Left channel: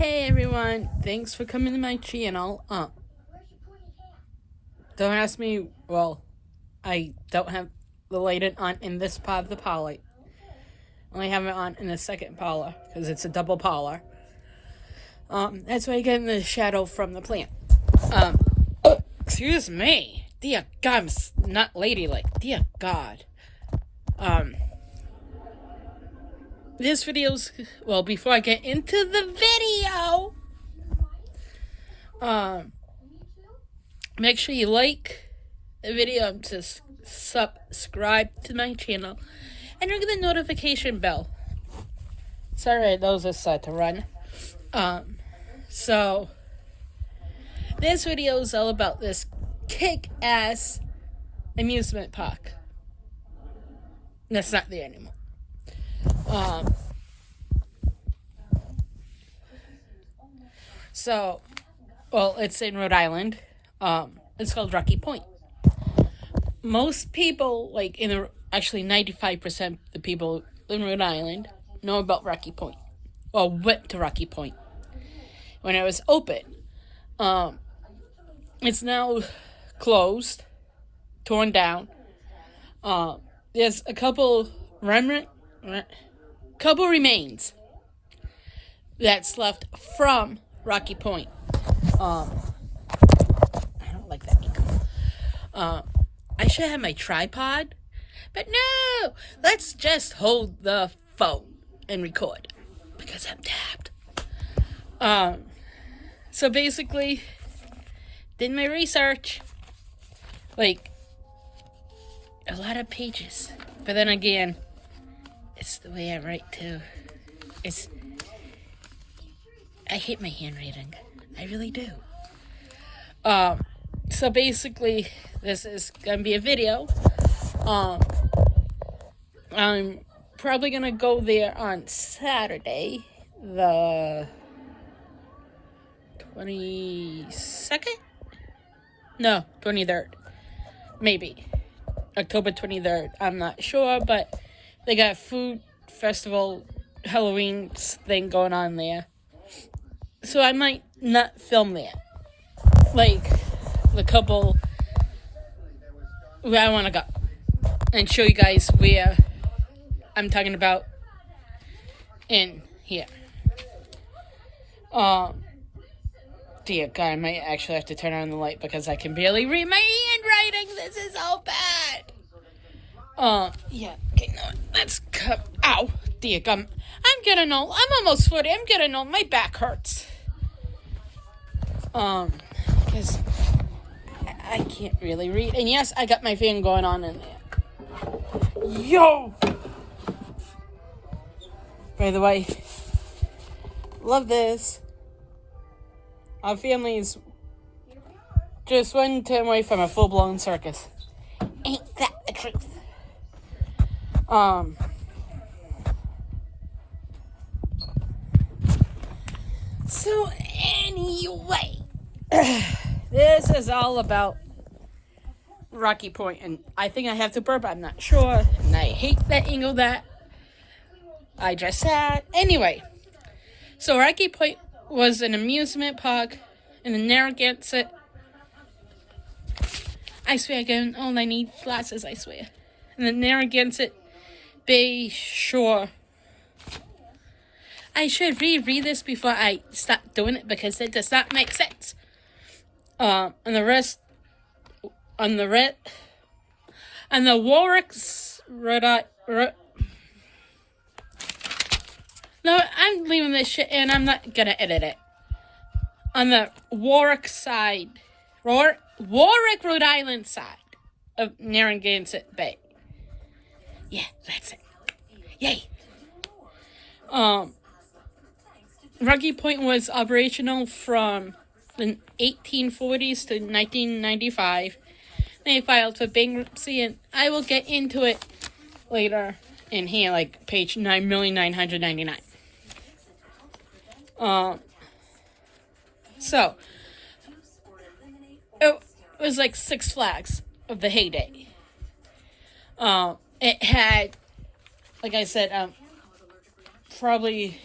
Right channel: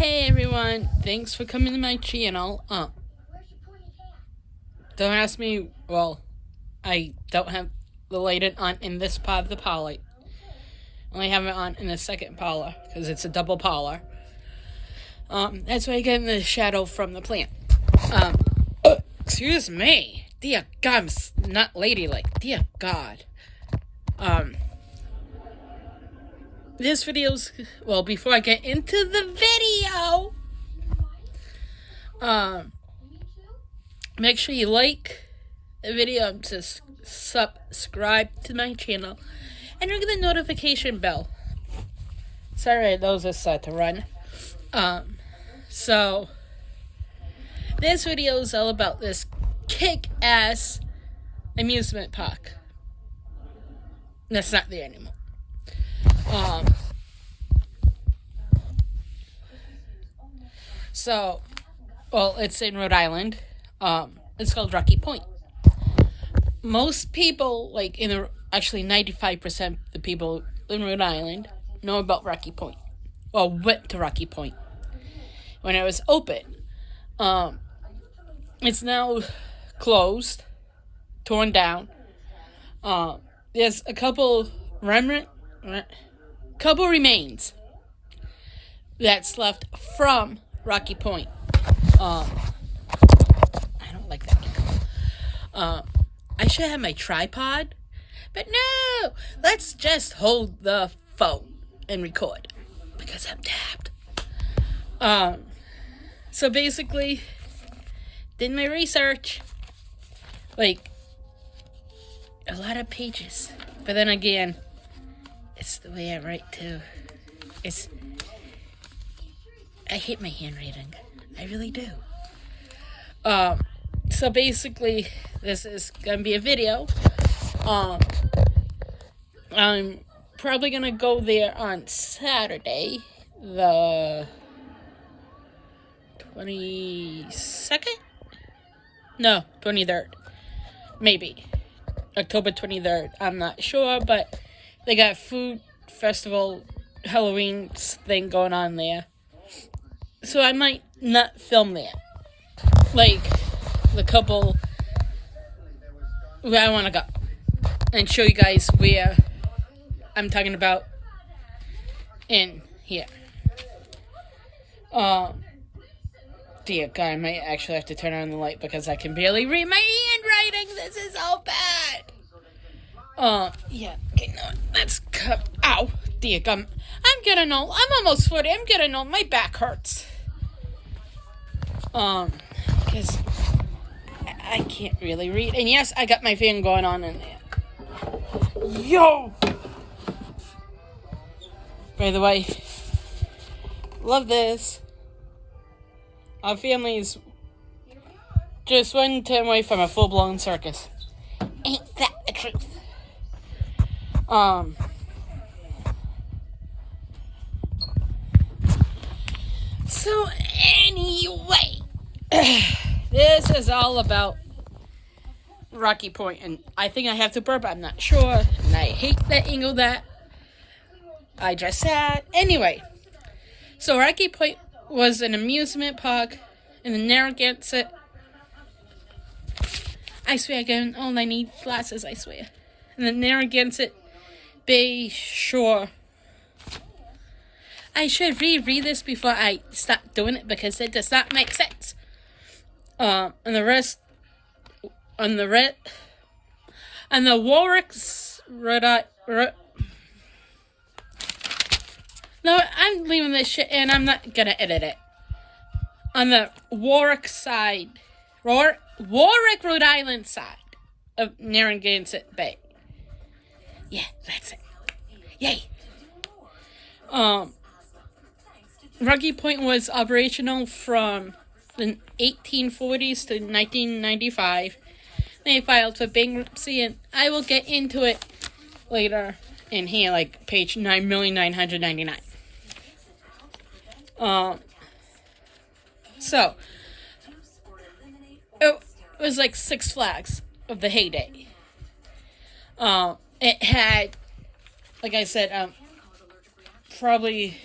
Hey everyone, thanks for coming to my channel. Don't ask me, I don't have the light on in this part of the poly. Only have it on in the second polar, because it's a double polar. That's why I get in the shadow from the plant. Excuse me. Dear God, I'm not ladylike. Dear God. This video's, before I get into the video, make sure you like the video and just subscribe to my channel and ring the notification bell. Sorry, those are set to run. So this video is all about this kick-ass amusement park that's not there anymore. It's in Rhode Island. It's called Rocky Point. Most people, 95% of the people in Rhode Island know about Rocky Point. Well, went to Rocky Point when it was open. It's now closed, torn down. There's a couple remains that's left from Rocky Point. I don't like that. I should have my tripod, but no, let's just hold the phone and record because I'm tapped. So basically, did my research, a lot of pages, but then again, it's the way I write too. I hate my handwriting. I really do. So basically, this is gonna be a video. I'm probably gonna go there on Saturday, the 22nd? No, 23rd. Maybe. October 23rd. I'm not sure, but they got food festival, Halloween thing going on there. So I might not film there. The couple where I want to go. And show you guys where I'm talking about in here. Dear God, I might actually have to turn on the light because I can barely read my handwriting. This is so bad. Okay, no, let's come. Ow, dear God. I'm getting old. I'm almost 40. I'm getting old. My back hurts. Because I can't really read. And yes, I got my fan going on in there. Yo! By the way, love this. Our family's just one time away from a full-blown circus. Ain't that the truth? So anyway, this is all about Rocky Point, and I think I have to burp, I'm not sure, and I hate that you know that. I just said. Anyway, so Rocky Point was an amusement park in the Narragansett. I swear again, all I need glasses, I swear. In the Narragansett Bay Shore. I should reread this before I stop doing it because it does not make sense. On the Warwick's No, I'm leaving this shit in. I'm not gonna edit it. On the Warwick side, Warwick, Rhode Island side of Narragansett Bay. Yeah, that's it. Yay. Rocky Point was operational from the 1840s to 1995. They filed for bankruptcy, and I will get into it later in here, page 9,999. So, it was like Six Flags of the heyday. It had, like I said, probably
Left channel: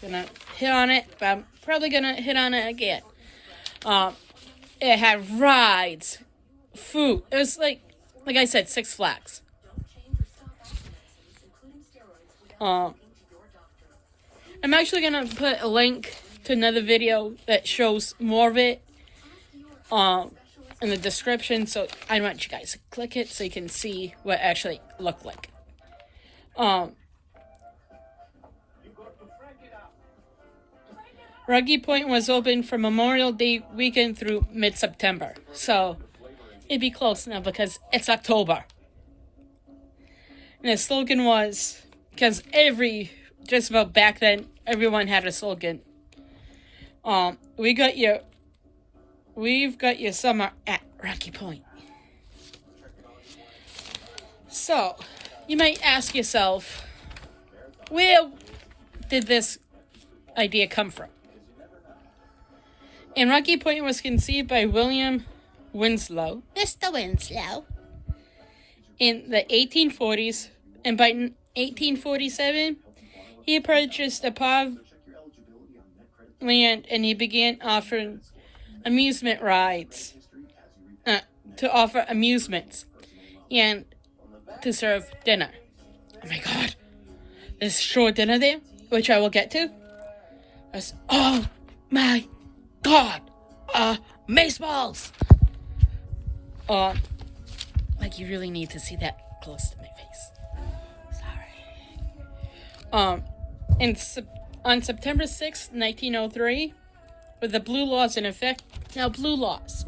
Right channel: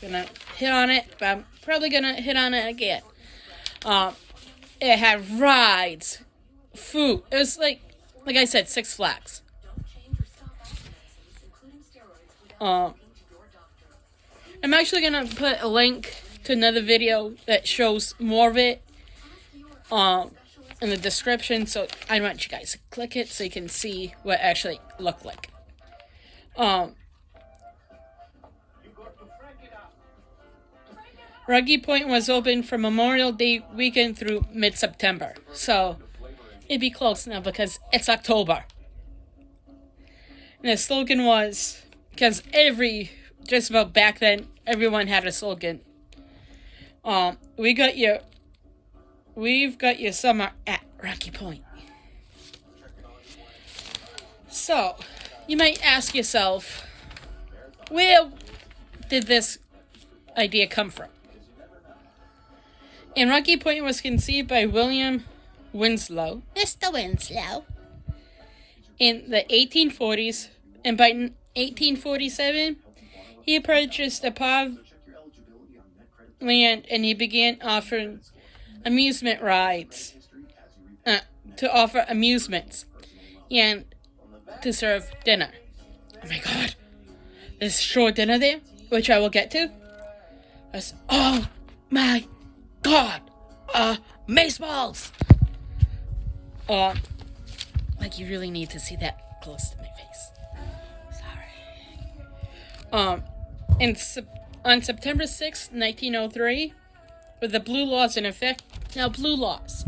gonna hit on it, but probably gonna hit on it again. It had rides, food. It was like I said, Six Flags. I'm actually gonna put a link to another video that shows more of it in the description, so I want you guys to click it so you can see what it actually looked like. Ruggie Point was open from Memorial Day weekend through mid-September, so it'd be close now because it's October. And the slogan was, because just about back then, everyone had a slogan. We've got your summer at Ruggie Point. So, you might ask yourself, where did this idea come from? And Ruggie Point was conceived by William Winslow, Mr. Winslow, in the 1840s, and by 1847, he purchased a part of land and he began offering amusement rides, to offer amusements, and to serve dinner. Oh my god, there's shore dinner there, which I will get to. That's, oh my god, baseballs! Like you really need to see that close to my face. Sorry. On September 6, 1903, with the Blue Laws in effect. Now, Blue Laws.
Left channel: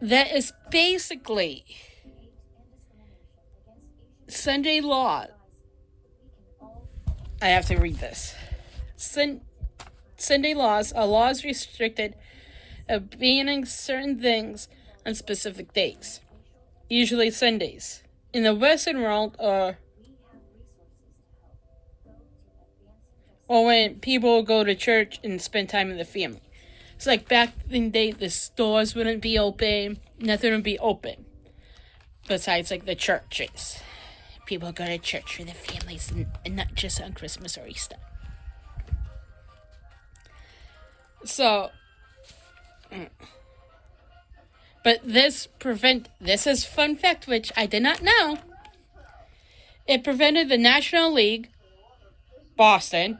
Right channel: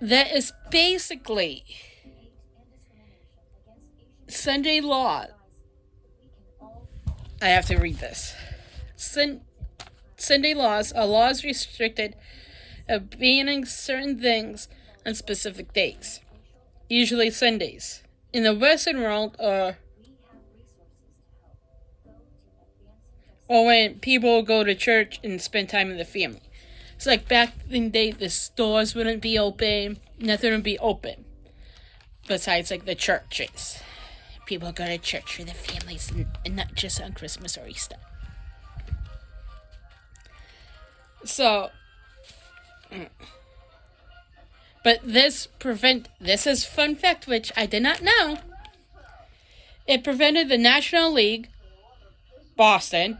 That is basically Sunday law. I have to read this. Sunday laws are laws restricted of banning certain things on specific days, usually Sundays. In the Western world, or when people go to church and spend time with the family. It's like back in the day, the stores wouldn't be open, nothing would be open, besides like the churches. People go to church with their families and not just on Christmas or Easter. So, but this is fun fact, which I did not know. It prevented the National League, Boston,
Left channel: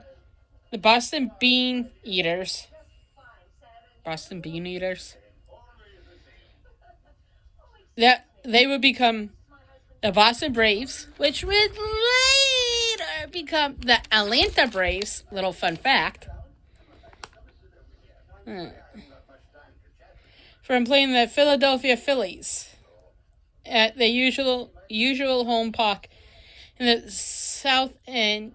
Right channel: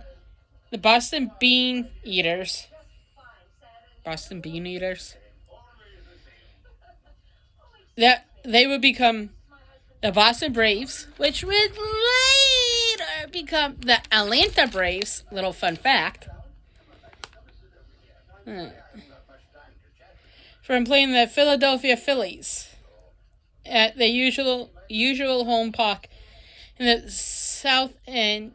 the Boston Bean Eaters, that they would become the Boston Braves, which would later become the Atlanta Braves. Little fun fact. From playing the Philadelphia Phillies at the usual home park in the South End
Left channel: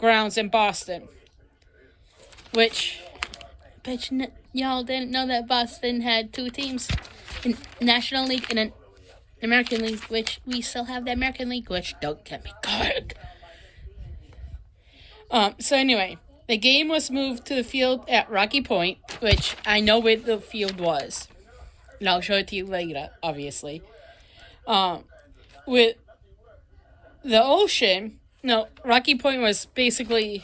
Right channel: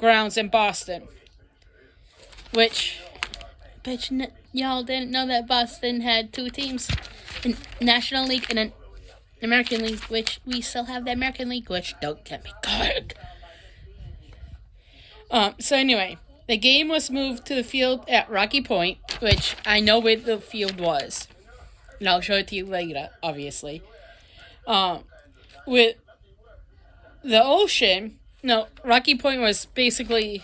grounds in Boston. Which y'all didn't know that Boston had two teams, in National League and an American League, which we still have the American League, which don't get me good. So anyway, the game was moved to the field at Ruggie Point, which I know where the field was, and I'll show it to you later, obviously. With the ocean, Ruggie Point was basically,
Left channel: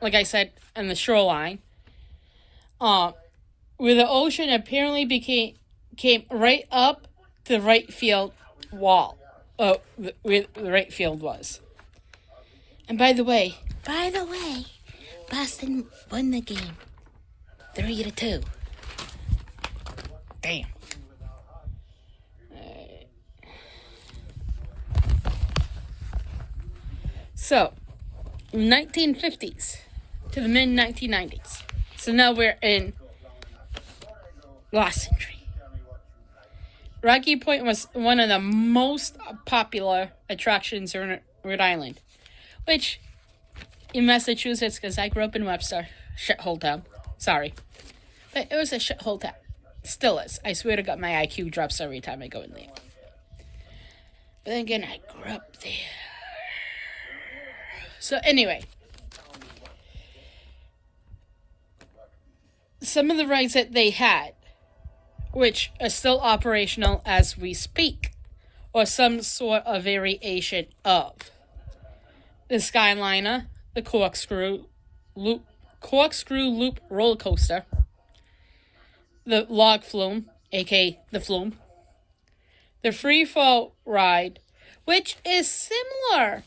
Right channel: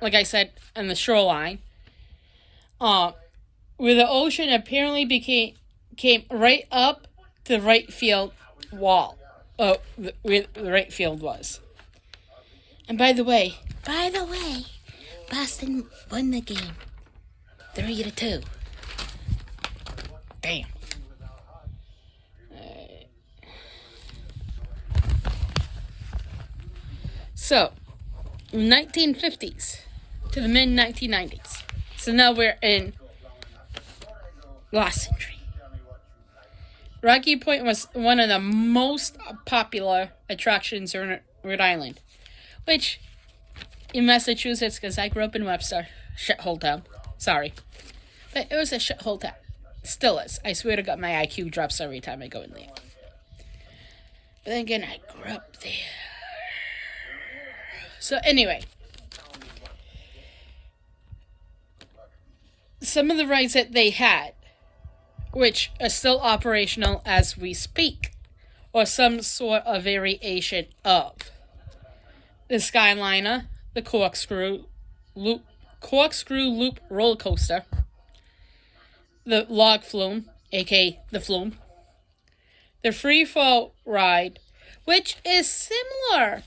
like I said, on the shoreline. Where the ocean apparently came right up to the right field wall, where the right field was. And by the way, Boston won the game 3-2. Damn. So, 1950s to the mid-1990s. So now we're in last century. Ruggie Point was one of the most popular attractions in Rhode Island, which in Massachusetts, because I grew up in Webster, shithole town. Sorry, but it was a shithole town. Still is. I swear to God, my IQ drops every time I go in there. But then again, I grew up there. So anyway, some of the rides that they had, which are still operational as we speak, or some sort of variation of the Skyliner, the Corkscrew, corkscrew loop roller coaster, the log flume, aka the flume, the free fall ride, which is similar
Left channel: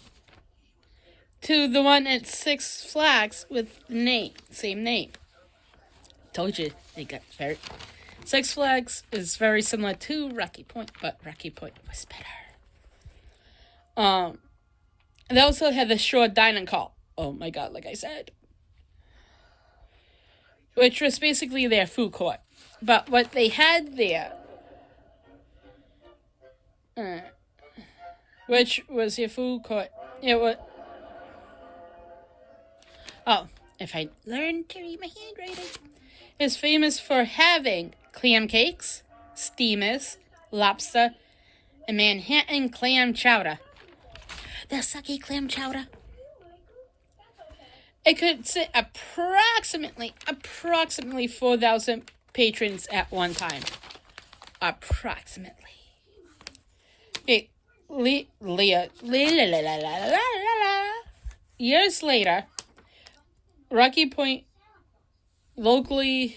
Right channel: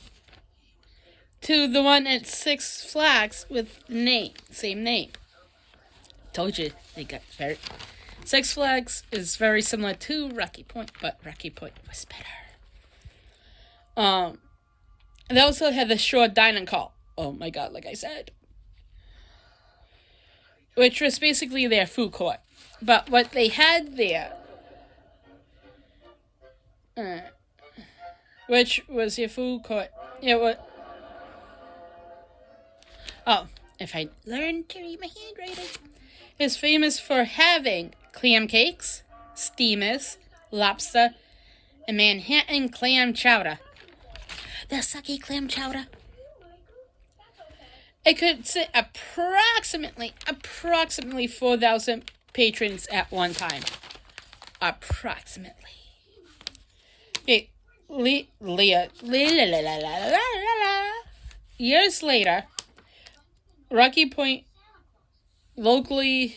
to the one at Six Flags with same name. Told you they got very. Six Flags is very similar to Rocky Point, but Rocky Point was better. They also had the Shore Dining Hall. Oh my god, like I said. Which was basically their food court. But what they had there, which was their food court, it was... Oh, if I learned to read my handwriting. Is famous for having clam cakes, steamers, lobster, and Manhattan clam chowder. The sucky clam chowder. It could sit approximately 4,000 patrons at one time. Approximately. Okay, years later, Rocky Point locally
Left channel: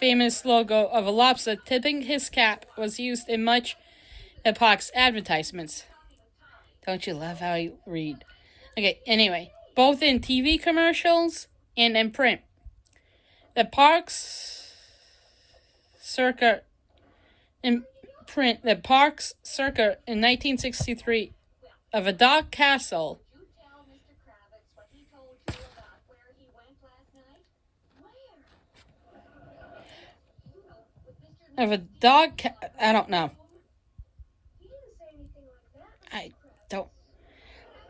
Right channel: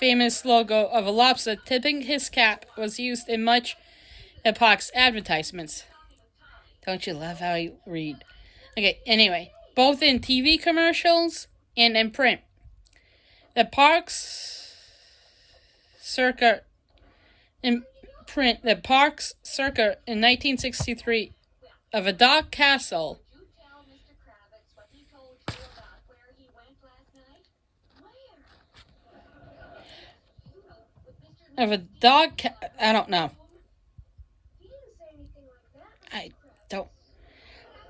famous logo of a lobster tipping his cap was used in much of park's advertisements. Don't you love how I read? Okay, anyway, both in TV commercials and in print. The park's circa in 1963 of a dark castle I don't know.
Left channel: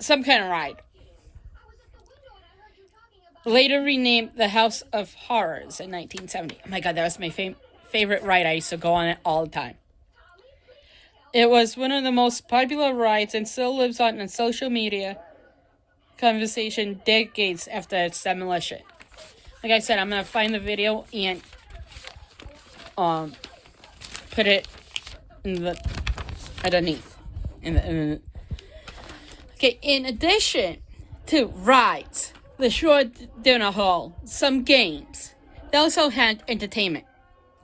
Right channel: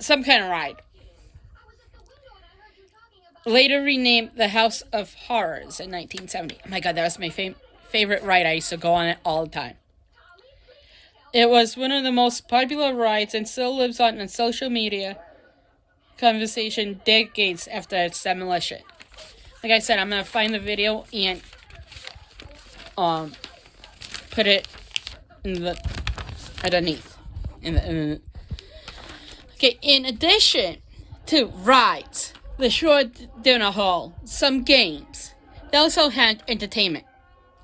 Some kind of ride. Later renamed the House of Horrors in 1970. Oh my god, that was my favorite ride. I used to go on it all the time. It was one of the most popular rides and still lives on in social media conversation decades after its demolition. Like I said, I'm going to find the video and put it in the underneath. Okay, in addition to rides, the Shore Dinner Hall, some games, they also had entertainment,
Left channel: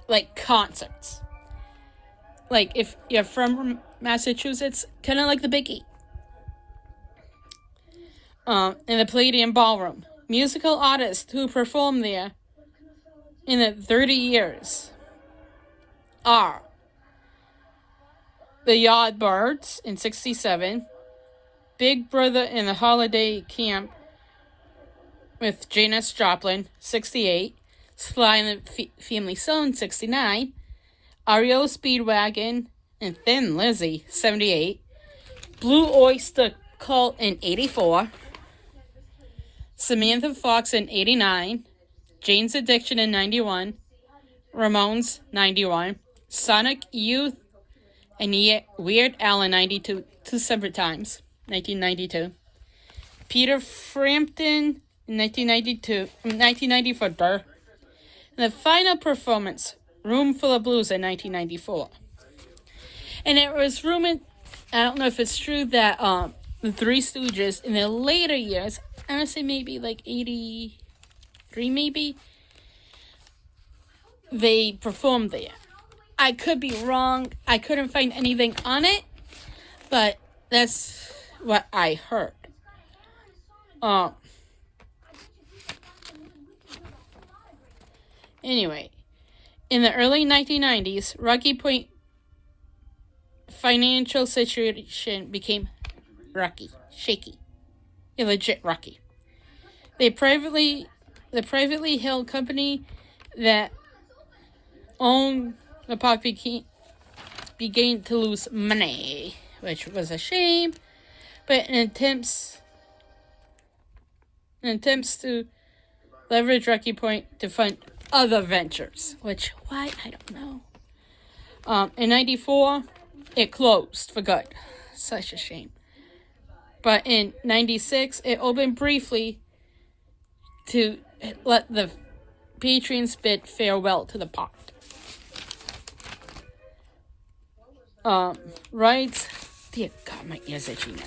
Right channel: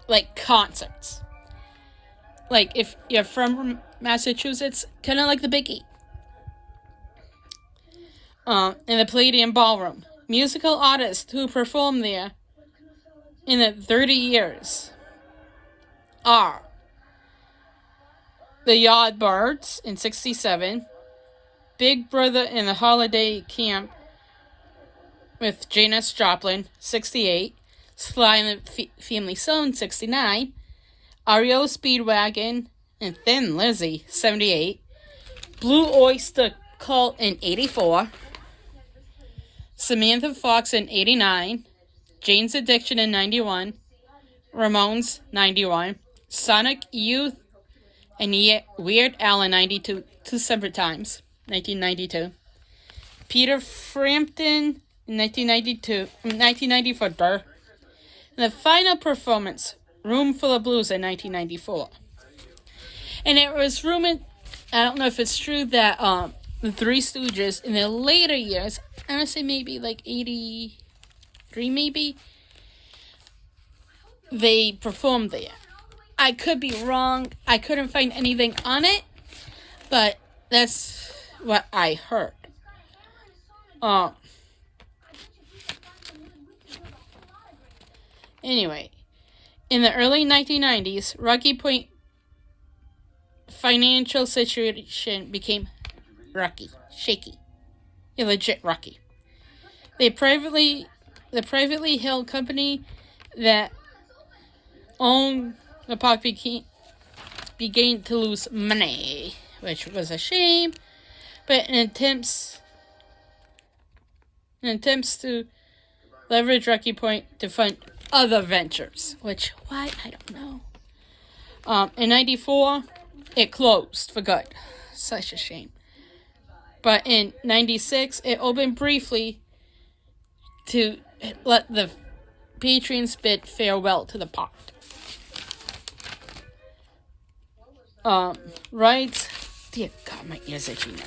like concerts. Like, if you're from Massachusetts, kind of like the Big E. In the Palladium Ballroom. Musical artists who performed there in the 30 years are the Yardbirds in 67, Big Brother in the Holiday Camp with Janis Joplin, 68, Sly and the Family Stone, 69, REO Speedwagon and Thin Lizzy, 78, Blue Oyster Cult in 84, Samantha Fox in 89, Jane's Addiction in 91, Ramones, 91, Sonic Youth and Weird Al in 92, two separate times, 1992, Peter Frampton in 1994, and the final performance, Room Full of Blues in 1994. And it was rumored, I don't know if it's true, that the Three Stooges in their later years, I want to say maybe like 83 maybe, they performed there. I could be wrong. I couldn't find anything on it, but that's what I heard. Anyway, in the early 1990s, Rocky Point financial situation became shaky, illegit rocky. The privately held company that owned the park began to lose money, which was a shame. But in attempts to leverage Rocky Point to fund other ventures, which why I don't know. In '94, it closed for good. Such a shame. But in '96, it opened briefly to let the patrons bid farewell to the park. Right. Dear God, my ears itchy now.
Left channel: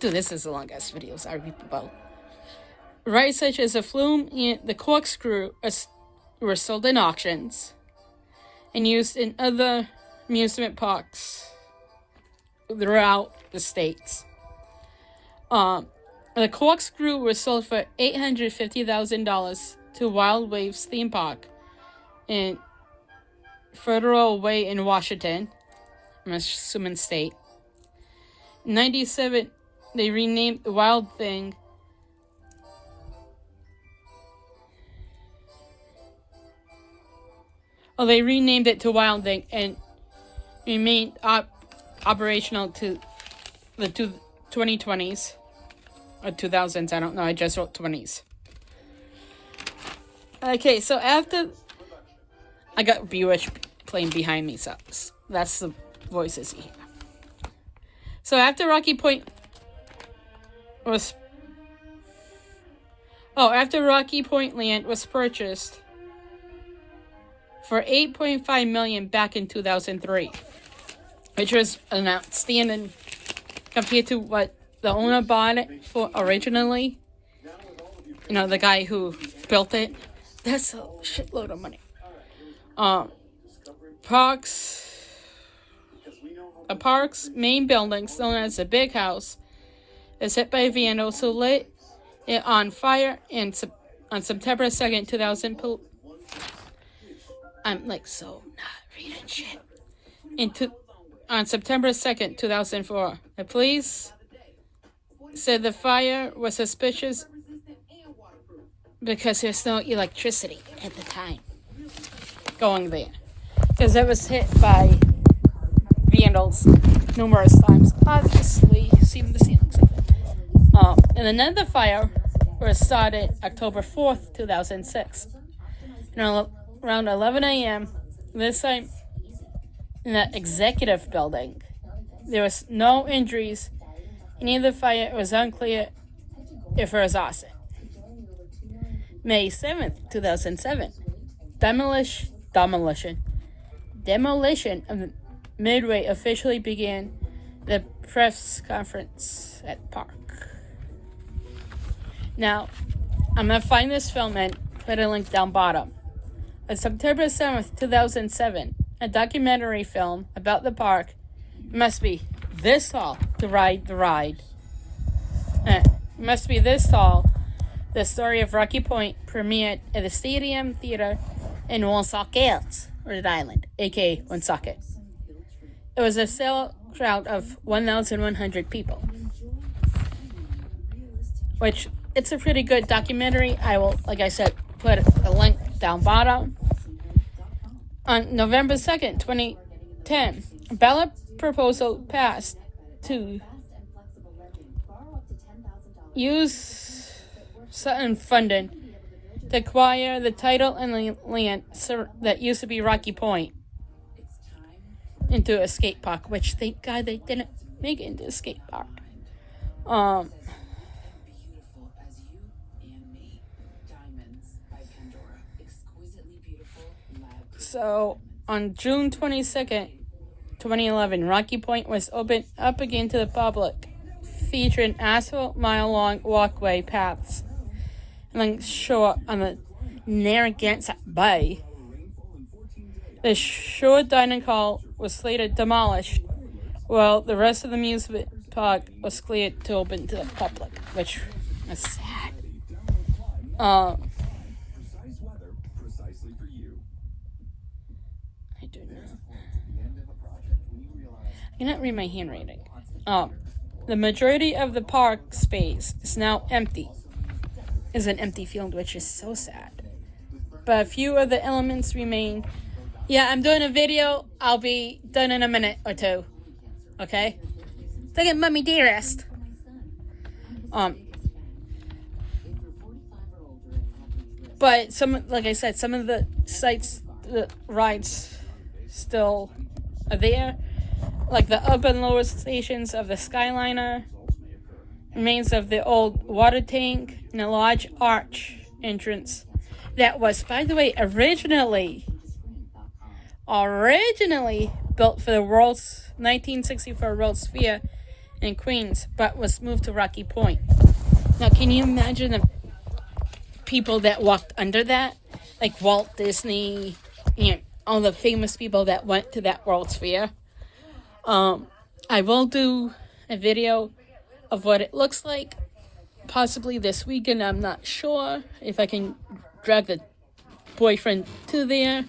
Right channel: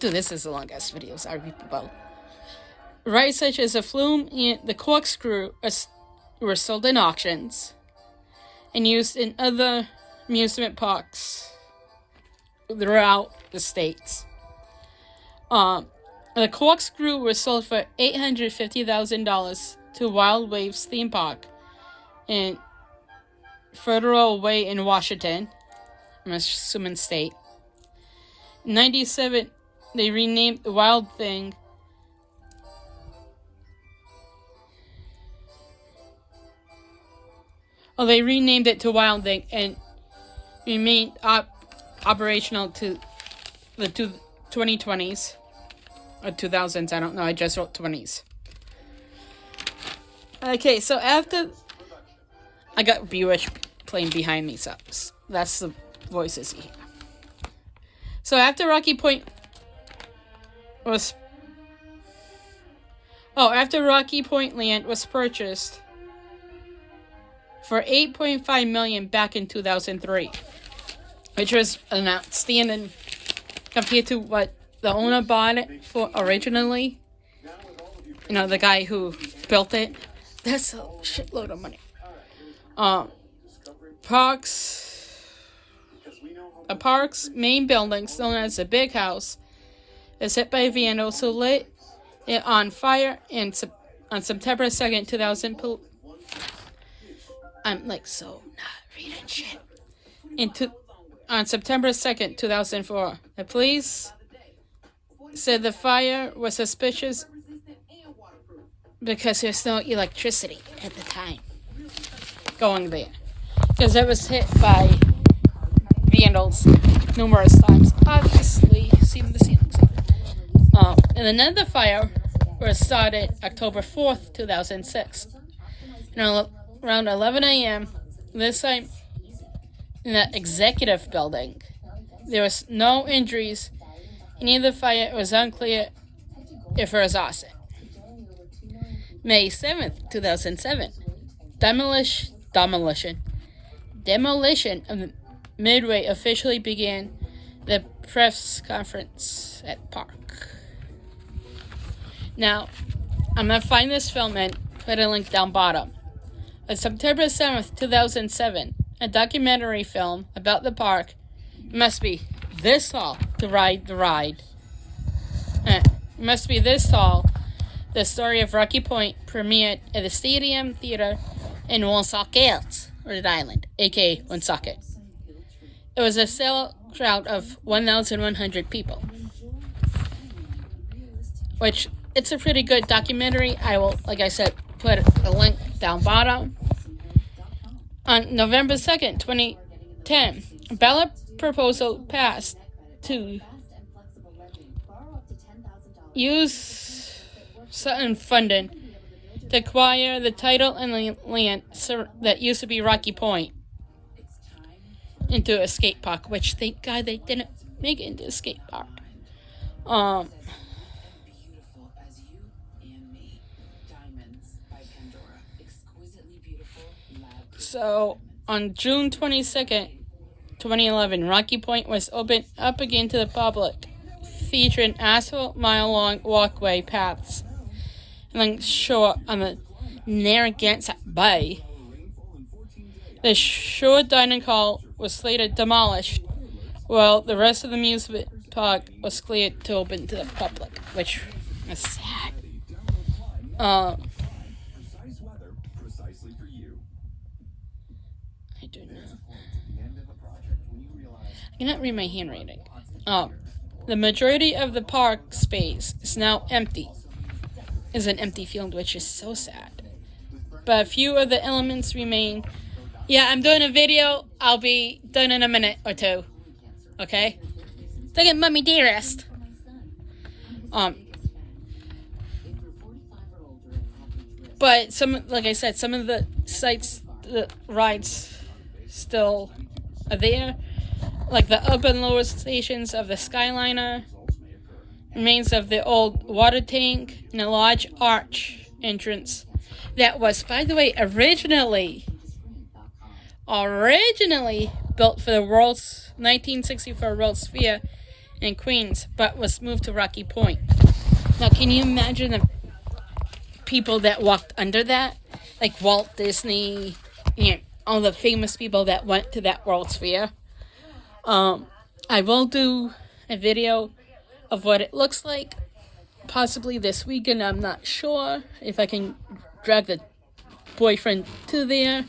Dude, this is the longest video. Sorry about. Rides such as the flume and the corkscrew were sold in auctions and used in other amusement parks throughout the states. The corkscrew was sold for $850,000 to Wild Waves theme park in Federal Way in Washington, I'm assuming state. In 1997, they renamed the Wild Thing they renamed it to Wild Thing and remained operational to the 2020s or 2000s. I don't know. I just wrote 20s. Okay, so after I got Buick playing behind me, so that's the voices you hear. So after Rocky Point land was purchased for $8.5 million back in 2003, which was an outstanding compared to what the owner bought it for originally. You know, the guy who built it. That's a shitload of money. The park's main building, known as the Big House, is hit by vandals who lit it on fire on September 2nd, 2000. I'm like so not reading shit. On September 2nd, 2004, the police said the fire was suspicious because there's no electricity at the time going there. Because it was hit by vandals numerous times. Obviously, seeing the ceilings. And another fire was started October 4th, 2006. Around 11 a.m., this time in the executive building. There was no injuries. Any of the fire was unclear if it was arson. May 7th, 2007, demolition of the Midway officially began the press conference at Park. Now, I'm going to find this film and put a link down bottom. On September 7th, 2007, a documentary film about the park must be this tall to ride the ride. Must be this tall. The story of Rocky Point premiered at the Stadium Theater in Woonsocket, Rhode Island, aka Woonsocket. It was a sellout of 1,100 people, which it's a pretty good documentary. I will, like I said, put a link down bottom. On November 2nd, 2010, a ballot proposal passed to use certain funding to acquire the title and land that used to be Rocky Point into a skate park, which thank God they didn't make it into a skate park. So, on June 22nd, 2011, Rocky Point was opened up again to the public, featuring asphalt mile-long walkway paths along shore on the Narragansett Bay. The shore dining hall was later demolished, while the rest of the amusement park was cleared to open to the public, which is sad. I do not. I cannot read my handwriting. The majority of the park space is now empty. Is an empty field, which is so sad. But a few of the elements remain. Yeah, I'm doing a video. I'll be done in a minute or two. Okay? Look at Mummy Dearest. But like I said, some of the sites, the rides still are there. Like the up and lower stations of the Skyliner, remains of the old water tank, and a large arch entrance that was, by the way, originally built for the 1964 World's Fair in Queens, but was moved to Rocky Point. Now, can you imagine the people that walked under that? Like Walt Disney and all the famous people that went to that World's Fair. I will do a video of what it looks like, possibly this weekend. I'm not sure if I can drag the boyfriend to there.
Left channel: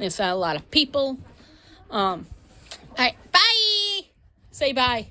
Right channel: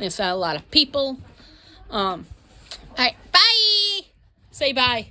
There's not a lot of people. Alright, bye! Say bye.